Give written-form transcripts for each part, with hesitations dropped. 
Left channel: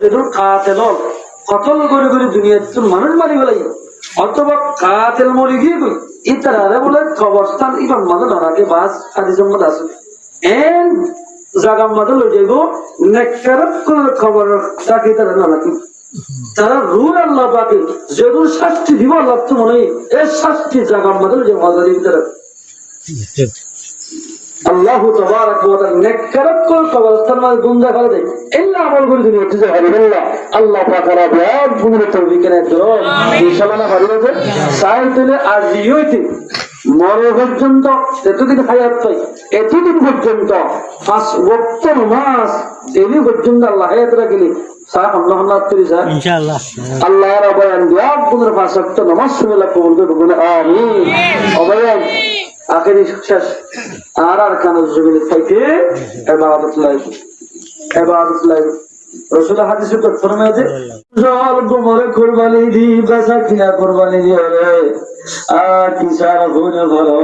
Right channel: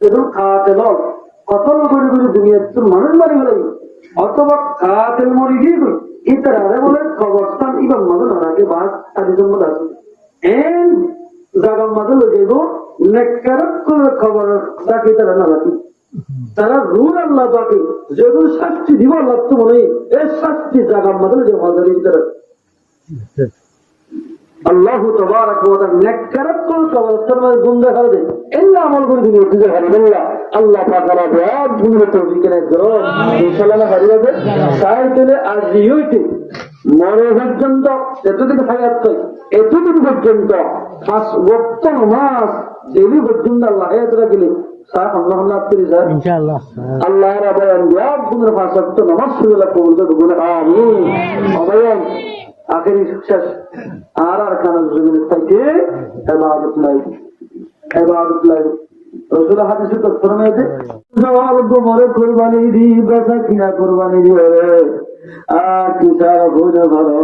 যেদুন কাতেল কতল করে করে দুনিয়ার মানুষ মারি ফেলাই অথবা কাতেল মরি গিয়ে কই ইতারা বলে কবরস্থান ইবান মাঝে ধরাকে বাস আদি জম্মত আছে এন জাগার মাঝে লই যাইব নেককারত করে খবর ডাকে তারা না রাখি তারা রুল আল্লাহ পাকে যেগুলো শাস্তি দিব আল্লাহ তো মনে এই শাস্তি জাগার মাঝে যে মজা দিন তারা আল্লাহ তাবারাক ওয়া তাআলা নেককারত করে কবরস্থান মাঝে গুন্দা করে দেয় ইল্লা আমল করে দিন একটু হারিবেল্লাহ আল্লাহ পাক রাবে আর তুমি তৌফিক এনে দাও ইনশাআল্লাহ হারিবে সাইল দিলে আর দিইতে মরে পর্যন্ত এতদিন হায়াত পাই এতদিন পর্যন্ত 5 ওয়াক্ত নামাজ ডেইলি পর্যন্ত আল্লাহ হায়াত রাখলে সাহ আল্লাহ না করি স্যার ইনশাআল্লাহ আল্লাহ রাব্বান দিয়া তোমার 5 ওয়াক্ত নামাজ সুবিলা কবুল করবে আমিন ওবায়ান আখেরি শেষ আর কানা জমিনে থেকে ইবাদত লাই রাসূল হাদিসে তো ফরমায়েছে জল গোমরে কুরবানি দি বেচা কিনা কুরবানি দি আর কি সারা ভুলে ভালো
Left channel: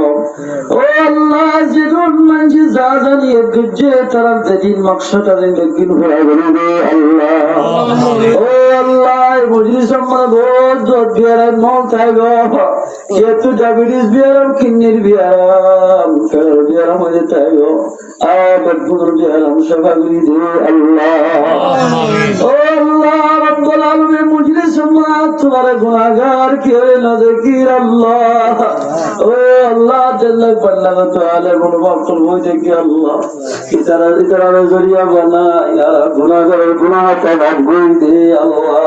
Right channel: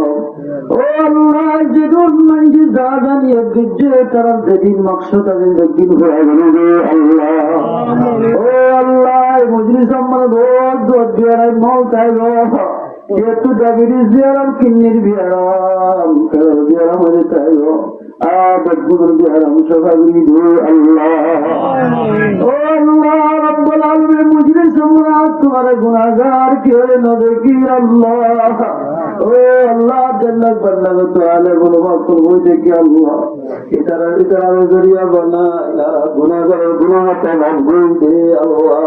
ও আল্লাহ যেদুন মানজি যা জানি গুজে তারা দিন মকসদ দিন দিন হয়ে গেল রে আল্লাহ ও আল্লাহ মজলিস মানে বহুত জোর বিয়ার মল থাকো যেহেতু ডায়াবেটিস বিয়ারাম কিডনির বিয়ারাম ফের বিয়ারাম হয়ে থাকো আর বদগুর বিয়ারাম সবাই দে আল্লাহ ও আল্লাহ রব্বুল আলামিন মজলিস মানে তোমার গুনাহগার কে না দেখি আল্লাহ ও আল্লাহ জাল্লা পাল্লাহ তাআলা গুনাহ করব দেখি আল্লাহ ইতারা জরিয়া বানা ইয়া গুনাহগার গুনাহ তাওবা করে দে আল্লাহ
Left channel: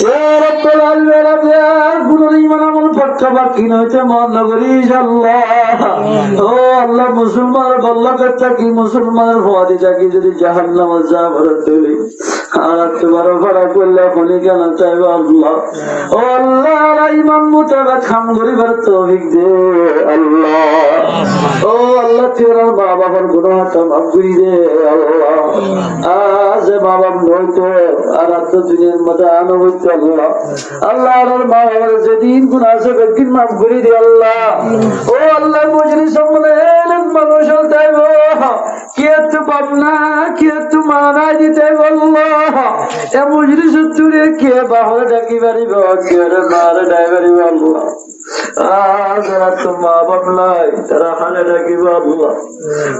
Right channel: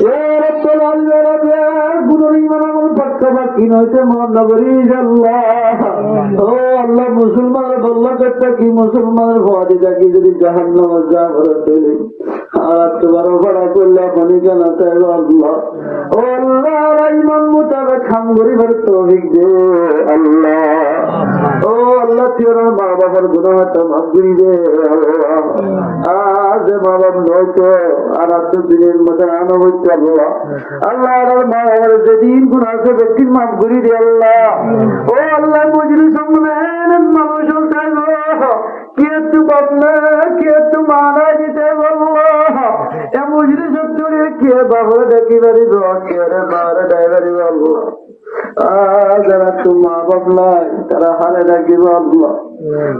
ইয়া রব্বুল আলামিন গুনাহ ঈমান আমল পাক্কা বাকি নইতে মন নগরিস আল্লাহ ও আল্লাহ মুসলমান বল্লা করতে কি মুসলমানের ফাদি জাকি যদি জাহান্নাম যা ভরতে আর তোমার ভাড়া করলে কোনি কেন চাইবে আল্লাহ ও আল্লাহ ঈমান মুতাবাক খাম গরিবের তৌফিক দে আল্লাহ ও আল্লাহ তোমার মা বাবার গুনাহটা মাফ করে দে আল্লাহ আজ মা বাবা নয়তো আর তো দুনিয়ার মধ্যে আনো হইতে আল্লাহ আল্লাহ আর মা বাবার যেদিন গুনাহ আছে বেদিন মাফ করে দে আল্লাহ ও আল্লাহ মুজরি সামনে মানুষ চাইবো কে তো বাবনা কে তো মানা দিতে আল্লাহ এ মুজরি সত্তরে কে বাহর ডাকি পারিব কে মার ডাইবারিব আল্লাহ যারা তো মা বাবলাই তারা হারে ডাকিব আল্লাহ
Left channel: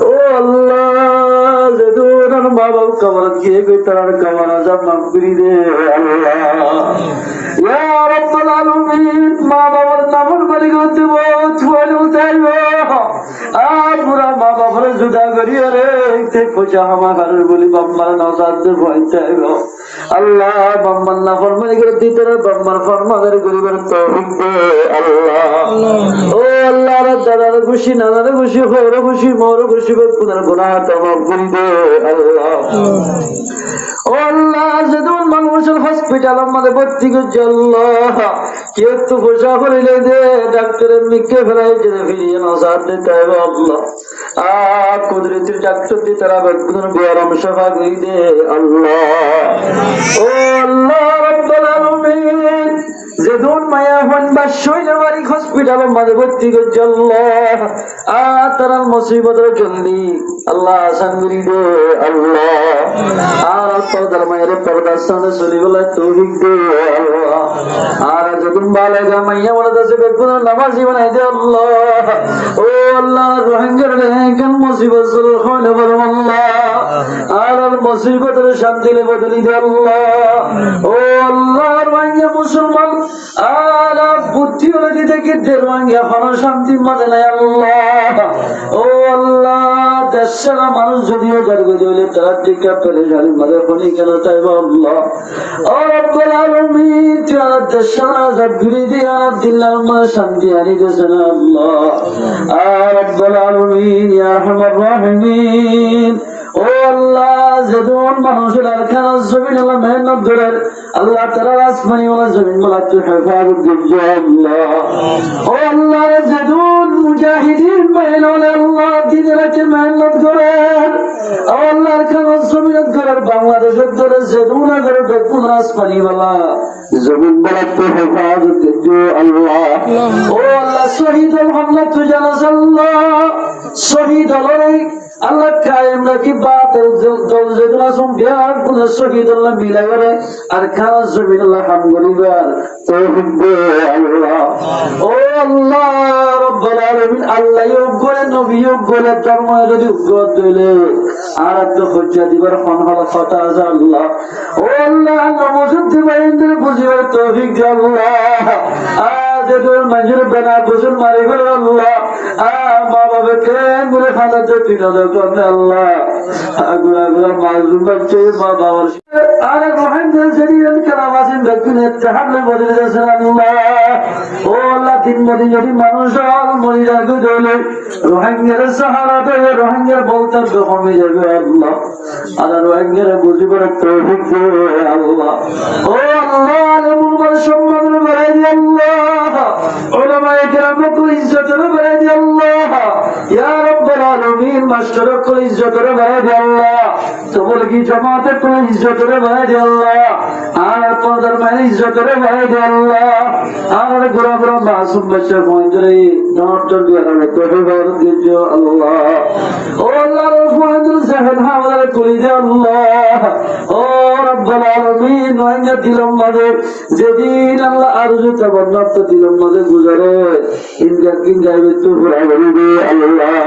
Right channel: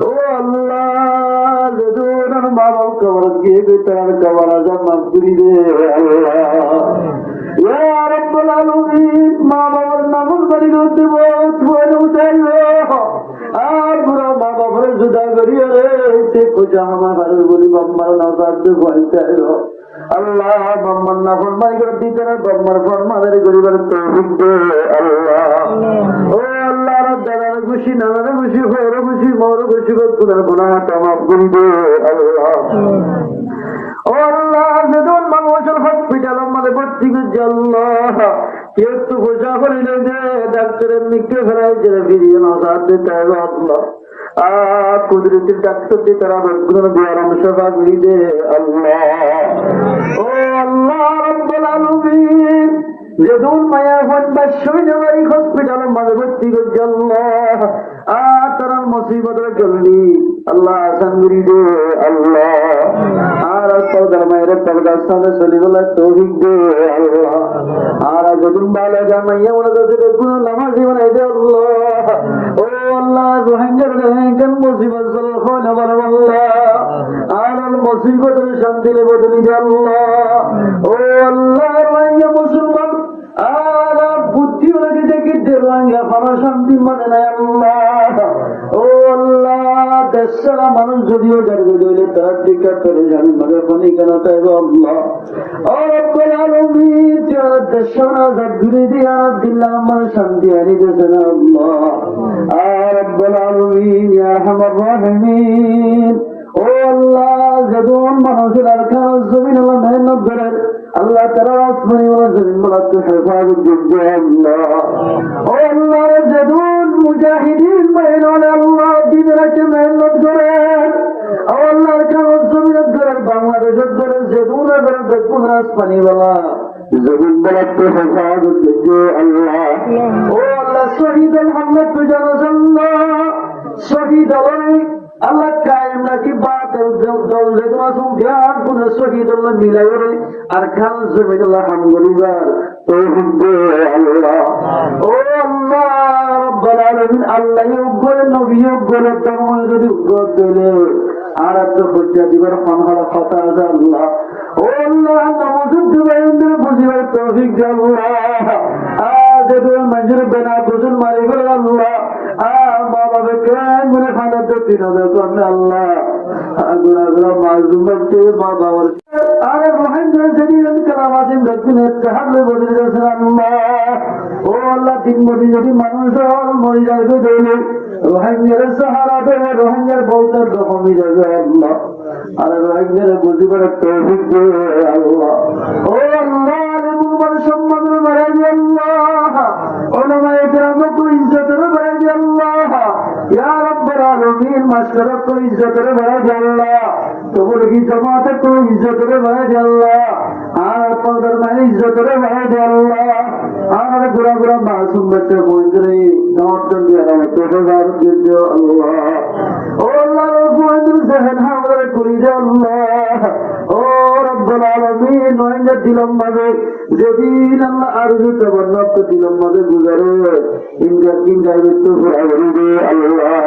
ও আল্লাহ যেদুন মা বাব কবর গিয়ে গই তার কবর আজাব মাফ করে দে আল্লাহ ইয়া রাব্বুল আলামিন মা বাবার নামর বলি করতে বহুত ভালো চাইবো আর পুরা মা বাবার জুদা করিয়া রে তে পূজা আমার বলি বাম্মার নজাতে ভয় চাইবো আল্লাহ বাম্মার না ফরমাই করে দিতে রে বাম্মার ফরমাদের গরিবের তৌফিক দে আল্লাহ ও আল্লাহ দাদার খুশি নানার খুশি হওয়ার খুশি মোর খুশি গুনার গুনাহটা মাফ করে দে আল্লাহ ও আল্লাহ যেদুন মানুষের হসপিটালের মধ্যে ভর্তি করছে আল্লাহ কেউ একটু পয়সা করিলে দে ডাক্তারের মিকে ফেলাই যে ফিরিয়ে নসার দিতে হবে আল্লাহ আর কুদরতির ডাক্তার দিয়ে তারা বেগুনের বিয়ারাম সফা করে দে আল্লাহ ও আল্লাহ রাব্বুল আলামিন যেদুন মায়া হন বাসই নেবারি হসপিটালের মধ্যে ভর্তি করছে আল্লাহ আর তারা মুসিবতের জলদি আল্লাহ আসান করে দে আল্লাহ আর পর্দার মায়ের পর্দার সাথে চলি বলে তৌফিক দে আল্লাহ আর যখন বালেগা মাইয়া বলে দেশে বেগুন নামাজি বানাই দে আল্লাহ ও আল্লাহ রোহিঙ্গার কেন মুসিবত চল হয় না বললাম আল্লাহ আর মুসিবতের শান্তি বদলি দে আল্লাহ ও আল্লাহ রোহিঙ্গা মুসলমান আর বুদ্ধি হলে দিতে কিন্তু রোহিঙ্গা ভালো শান্তি মানে নাই আল্লাহ ও আল্লাহ দেশের মানুষ যদিও জানবে হইলে তারা টিকা পেরেশানি মাঝে ফোনে কেন চাইব আল্লাহ ও রব্বুল আলামিন তারা দেশের আজাদ ঘুরে দিয়া দিল্লার মা শান্তি আনি দেশেন আল্লাহ আর রব্বুল আলামিন ইয়া আরহামার রাহিমিন ও আল্লাহ যেদুন মানুষের আরখানা জমিন আল্লাহ মেহনত করেন আল্লাহ তারা আসমানি ওয়ালা জমিন ওয়ালা তো হেফাজত দিবে আল্লাহ ও আল্লাহ যেদুন মুজাহিদিন মেহনতে আল্লাহ দিনের রাতে মেহনত করেন আল্লাহর কাছে জমিনত করার বাংলাদেশের ধরে জেদুনা করে বেকুন রাজপানি वाला জমিন বলাতে হেফাজত করো আল্লাহ ও আল্লাহ শহীদ মোহাম্মদ তো জানাস আল্লাহ শহীদ আলাই আল্লাহ কায়েম রাখি বাতের দল জেদুনা সুম বিয়ার কোন শহীদ আল্লাহ মিলাই করে আর খাওয়া জমিন আল্লাহ হাম গরিবার তৌফিক দে আল্লাহ ও আল্লাহ রব্বুল আলামিন আল্লাহ করে নবী করে ধর্ম যদি উগ্র দিলে আর একটা হজ্জা দিবার ফোন হলো কথা আছে আল্লাহ ও আল্লাহ নমস্কার দিবেন বুঝিবার তৌফিক দে আল্লাহ আজ তোর মঞ্জুর বেনা বুঝুন মারি বলে আল্লাহ মা বাবা কেন বলে ফাঁদা দিতে না করলে আল্লাহ গুলা গুলা মাসুম বাচ্চা মা বাবার আর রোহিঙ্গা শরীরের কালামাসিন ব্যক্তির তাহলে বদলে যাচ্ছে আল্লাহ ও আল্লাহ দিন মদিন যদি মানুষ মরি যাবে দলে রোহিঙ্গার সাহারা দেবে রোহিঙ্গার বলতে কমে যাবে আল্লাহ আর রোহিঙ্গার বুঝিবার তৌফিক দে আল্লাহ ও আল্লাহ আলেমুল বার সম্মান বাড়াই দে আল্লাহ উলামায়ে কেরামকে ইজ্জত বাড়াই দে আল্লাহ ইয়া রাব্বুল আলামিন মাশরাককে ইজ্জত বাড়াই দে আল্লাহ তবলিগি জামাতকে ইজ্জত বাড়াই দে আল্লাহ আর পদর মানে ইজ্জত বাড়াই দে আল্লাহ আর গুরা গুরা মাসুম বাচ্চা মঞ্জুরি নটর দিয়ারা তোহে বার দিও আল্লাহ ও আল্লাহ রফুল জাহান হাওয়ার কুলি দে আল্লাহ ও রব্বুল আলামিন নয়ঙ্গা দিলম মাঝে যেদিন আল্লাহ আরজু তাবান্নাত দিলম মাঝে গুজারে ইনকা কিন যাবে তো পুরা বলি দে আল্লাহ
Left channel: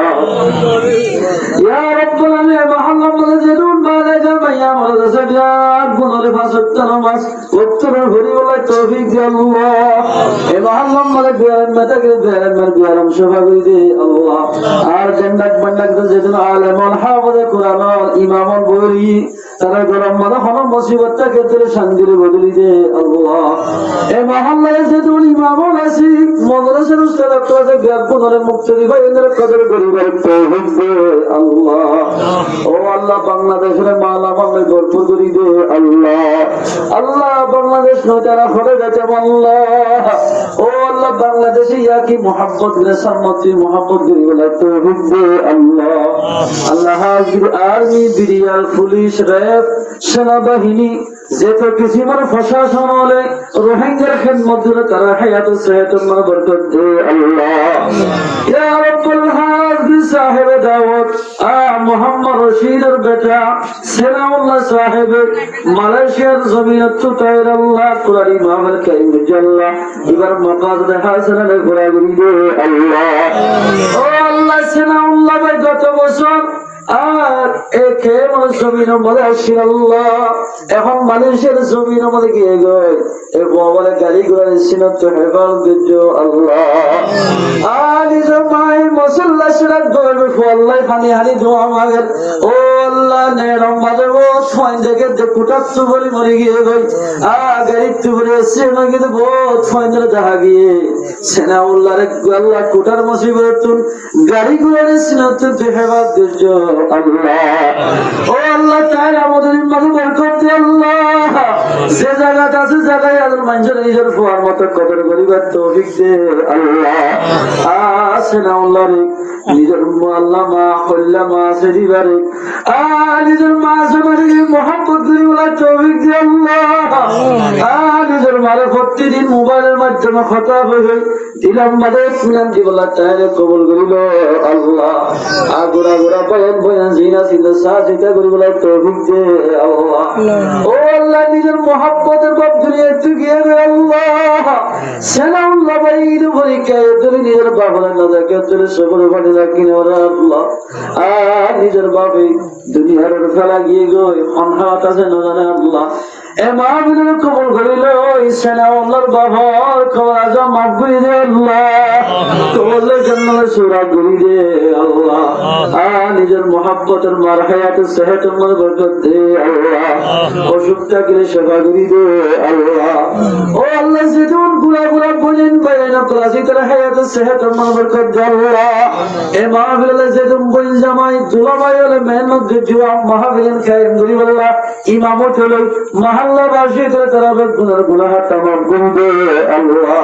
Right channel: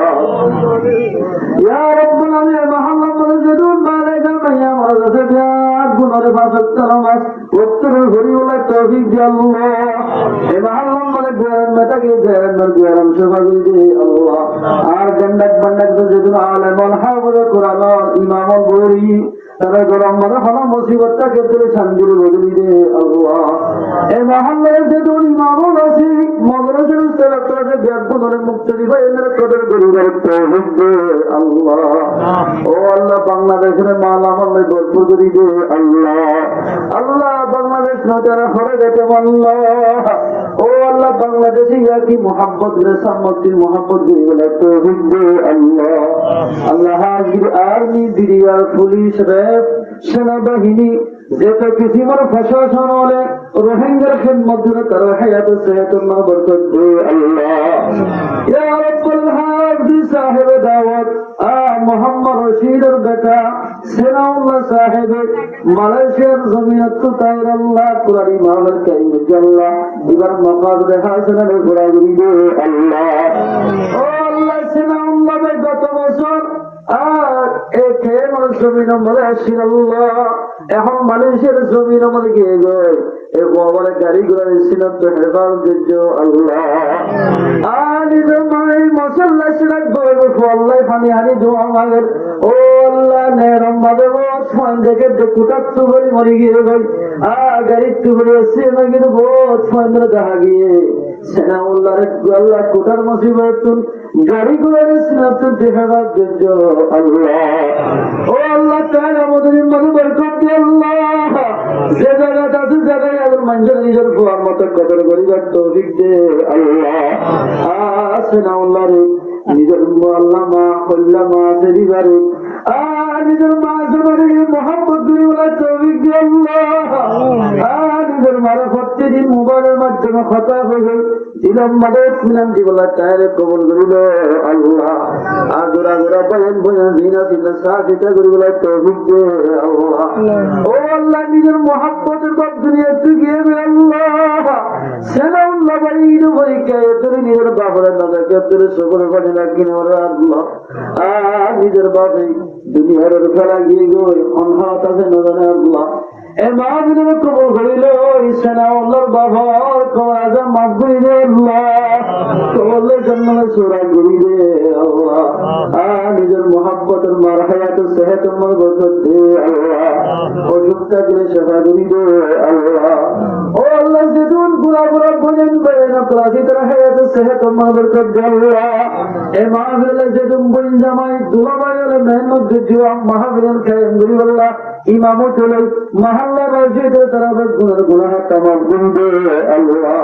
ইয়া রব্বুল আলামিন মহল্লা মাঝে যেদিন মালে জামাইয়া মাঝে সজাদ গুনারে ফাসত নামাজ উত্তরের হরি বলে তৌফিক দে আল্লাহ এ মহল্লা মাঝে বিয়ার মেটাকে বিয়ার মার বিয়ার সভা করি দে আল্লাহ আর জান্নাত বান্নাত যেদিন আলেমুল হাফেজ কোরআন ইমামুল বুখারী তারা গরম মাথা হলো মুসিবতটাকে তুলে শান্তির বদলি দে আল্লাহ এই মহল্লায় যেদিন ইমামুল আছে মাদ্রাসার উস্তাদ আপনাদের ব্যাপকভাবে মুক্তি দিবা এদের কদর করিবার তৌফিক দে আল্লাহ ও আল্লাহ বাংলাদেশের মালামাল ভরপুর করে দে আল্লাহ আল্লাহ বাংলাদেশ নয়তারা ফলে যেতে আল্লাহ ও আল্লাহ বাংলাদেশে ইয়াকি মোহাম্মদ রেসামতি মোহাম্মদ গরিবলা তৌফিক দে আল্লাহ আল্লাহ হাজির আর্মি বিরিয়াল পুলিশ র্যাব সেনাবাহিনী যেত কিসিমার প্রশাসন হলে রোহিঙ্গার খেদমত করে তারা হায়াত সেহত বরকত দে আল্লাহ ইয়া রাব্বুল হাজির সাহেব দাওয়াত মোহাম্মদ রশিদের বেটা সেনাউল্লাহ সাহেব মালয়েশিয়ার জমিনত তাইর আল্লাহ কুরারি মাহমুদ কারীম জাল্লাহ এবার মাকাসদ হাসানানে ঘোরাঘুরি দে আল্লাহ ও আল্লাহ সেনাউল্লাহ ভাই গত বছর আর একে জমিনের মধ্যে আসি আল্লাহ এখন মানুষের জমিনের মধ্যে গিয়ে গয় এই বলে গাড়ি ঘোড়ার সিনত হেফাজ দিও আল্লাহ নিজের মায়ের মশল্লা সিরাত বলবে আল্লাহ পানি হানি দোয়া মাগের ও আল্লাহ নেরম বাজাব ছয় থেকে কুটাচ্ছ বলি মরে গিয়ে গই গাড়ি তুবরে এসে কিন্তু বহুত ছয় ধরে দেখা গিয়ে সেনাউল্লাহ আল্লাহ কুটার মুসিবত গাড়ি ঘোড়ার সিনত হেফাজ দিও আল্লাহ ও আল্লাহ তাই আমাদের মাঝে বরকত দে আল্লাহ যে জায়গাতে আছে জায়গায় আল্লাহ মানুষের নিজের ফুয়ার মতো কবর করিবার তৌফিক দে আল্লাহ সেনাউল্লাহ রে নিজের আল্লাহ মা হল্লা মা সেদিবারে নিজের মা সবারে মোহাম্মদ গরিবলা তৌফিক দে আল্লাহ নিজের মারে প্রতিদিন মোবাইলের মাধ্যমে কথা হয়ে দিলাম মাদে শুনলাম জীবলা তাইরে কবল করিল আল্লাহ আগুরা গুরা বয়ান বয়ান জিনা সিনা সাজিতা গরিবলা তৌফিক দে আল্লাহ ও আল্লাহ নিজের মোহাম্মদের বাপ দুনিয়া চুকিয়ে দে আল্লাহ সেনাউল্লাহ ভাই পরীক্ষায় তুলে নিজের বাবার নাজাকে তুলে সকল পানি রাখিনে ওরা আল্লাহ নিজের বাপে দুনিয়ার ফেলা গিয়ে গই অনহাত আছে না জানে আল্লাহ এ মাহবিলের কবল করিল সেনাউল্লাহর বাবার খবর আজম মাফ করে দে আল্লাহ কবলের জন্য সুরা করি দে আল্লাহ নিজের মোহাব্বতের মার হায়াতের সেহতের মধ্যে বরকত দে আল্লাহ অসুখটা গেলে সেবা করি দে আল্লাহ ও আল্লাহ যেদিন গুনাহগুলো বুঝেন বাইনা ক্লাসি তার হায়াতে সেহত মান বরকত জাল্লা এ মাহফিলে যেদম বল জামাই দুলামাই হলে মেহনত দিওয়া মাহফিলের কায়েম করি আল্লাহ ইমামত হলো মহল্লা রাশিদের তরফ গুনাহ तमाम গুনবে আল্লাহ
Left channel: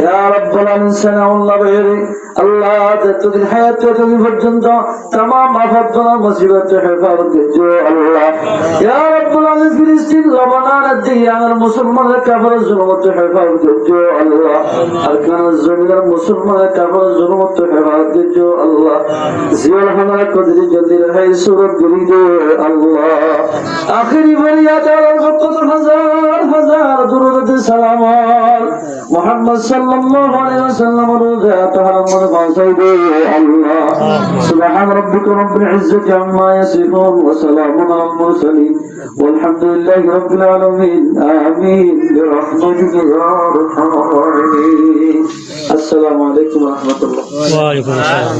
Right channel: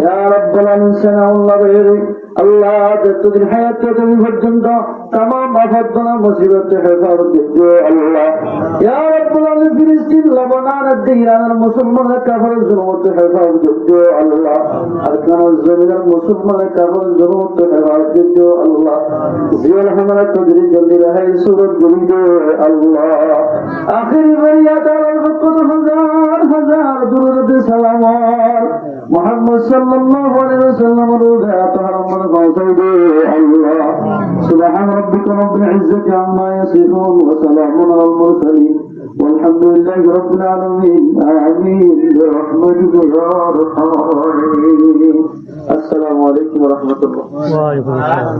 ইয়া রাব্বুল আলামিন সানাউল্লাহ বাইরে আল্লাহ যতদিন হায়াত তুমি পর্যন্ত तमाम আফাতনা মুসিবত হেফাজত করো আল্লাহ ইয়া রাব্বুল আলামিন ফিলিস্তিন লবনান দিয়ার মুসলমানদের কাফের জুলুমত হেফাজত করো আল্লাহ আরকান জমিনের মুসলমানদের কাফের জুলুমত হেফাজত করো আল্লাহ জিয়াল হামারা কদরি জলদি রহে সুরত গুলি দে আল্লাহ আখিরি ফরিয়াদ আল ফকত হাজার হাজার দুরুদ সালাম মুহাম্মদ সাল্লাল্লাহু আলাইহি ওয়াসাল্লাম রোজা তাহাম্মদ বাসাইদে আল্লাহ সুবহান রাব্বিকা রাব্বিল ইজ্জাতি আম্মা ইয়াসিফুন ওয়া সালামুন আলাল মুরসালিন ওয়ালহামদুলিল্লাহি রাব্বিল আলামিন আমিন বিরহমাতিকা ইয়া আরহামার রাহিমিন আসসালামু আলাইকুম ওয়া রাহমাতুল্লাহ ওয়া আলাইকুম আসসালাম।